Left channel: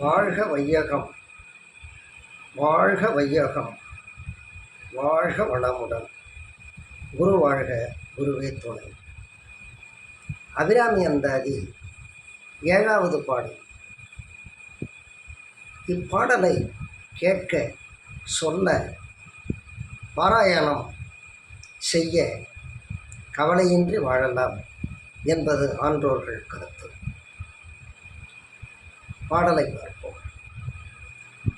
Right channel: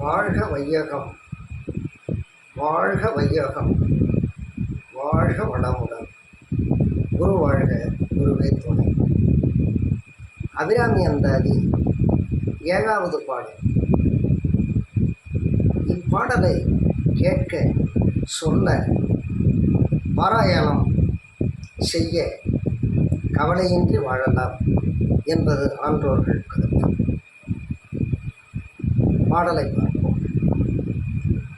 வாழ்க வையகம், வாழ்க வையகம், வாழ்க வளமுடன். குரு வாழ்க, குருவே துணை. அபிராமி அந்தாதி 7வது பாடல். இப்பாடலை கேட்க, சொல்ல, பாராயணம் செய்ய கவலையின்றி வாழலாம் என்பது ஆன்றோர்கள் கருத்து. பாடலை பார்ப்போம்.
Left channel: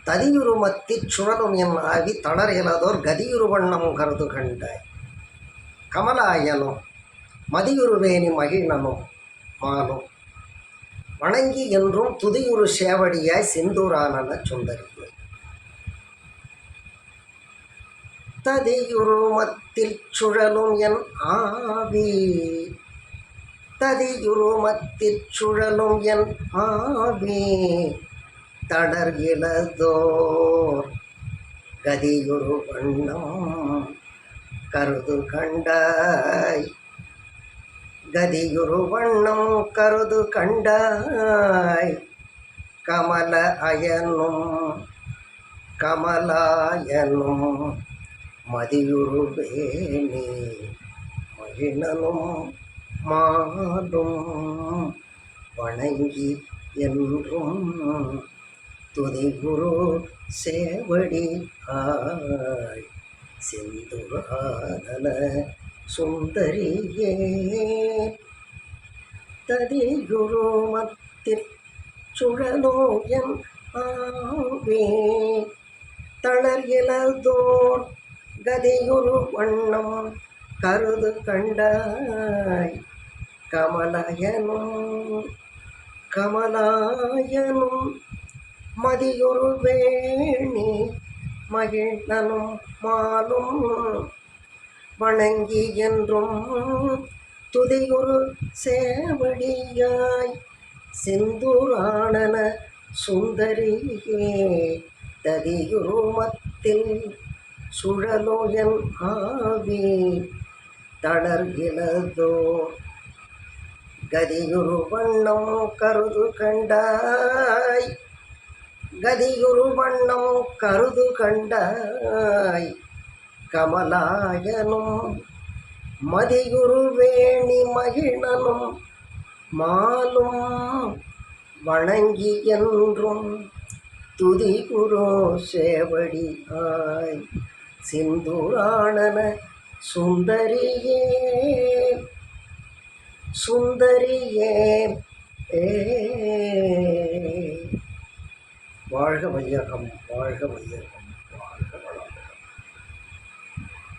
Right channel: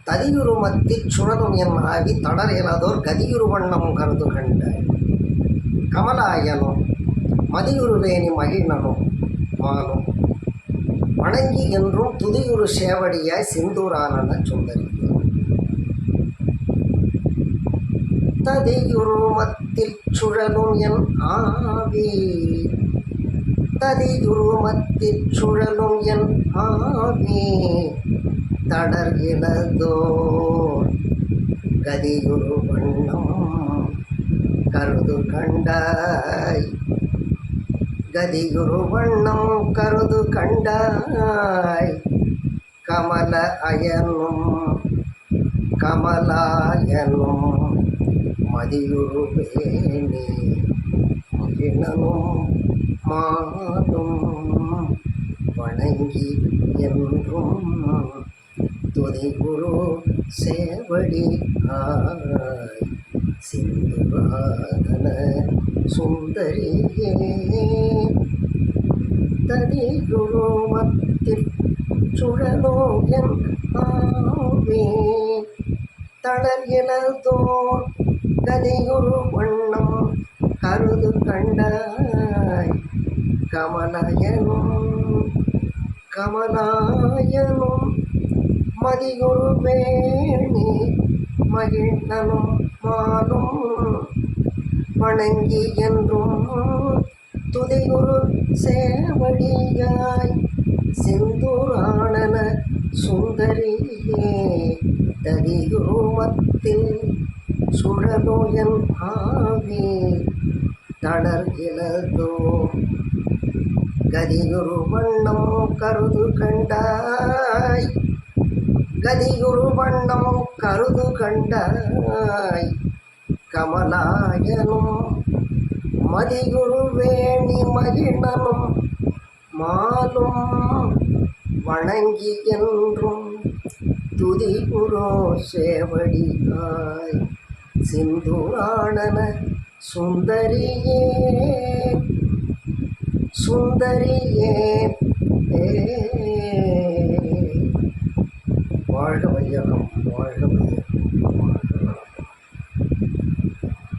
ததியுருமத்திற் சுழலும் என் ஆவி தளர் இயலதோர் கதியுரு வண்ணம் கருது கண்டாய். கமலாயனும் மதியுருவேணி மகிழ்னனும் மாலும் வணங்கி என்றும் துதியுரு சேவடியாய் சிந்தூரானன சுந்தரியே. ததியுருமத்தில் சுழலும் என் ஆவி, ததியுருமத்தில் சுழலும் என் ஆவி தளர் இலதோர் கதியுரு வண்ணம் கருது கண்டாய். கதியுரு வண்ணம் கருது கண்டாய். கமல அயனும் கமலாயனும் மதியுருவேணி மகிழனும் மாலும் வணங்கி என்றும் துதிகுரு சேவடி ஆய் சிந்துராதன சுந்தரியே. ததியுருமத்தில் சுழலோ என் ஆவே தளர் இலதோர் கதியுரு வண்ணம் கருது கண்டாய். கமலாயனும் கமலாயனும் மதியுருவேணி மகிழ்னனும் மாலும் வணங்கி என்றும் துதியுரு சேவடியாய் சிந்துரானன சுந்தரியே. ததியுருமத்தில் சுழலோ என் ஆவி தளர் இலதோர் கதியுரு வண்ணம் கருது கண்டாய். கதியுரு வண்ணம் கருது கண்டாய். கமலாயனும் மதியுருவேணி மகிழனும் மாலும் வணங்கி என்றும் துதிகுரு சேவடியாய் சிந்துரானன சுந்தரியே. சுந்தரியே. வாழ்க வையகம், வாழ்க வையகம்.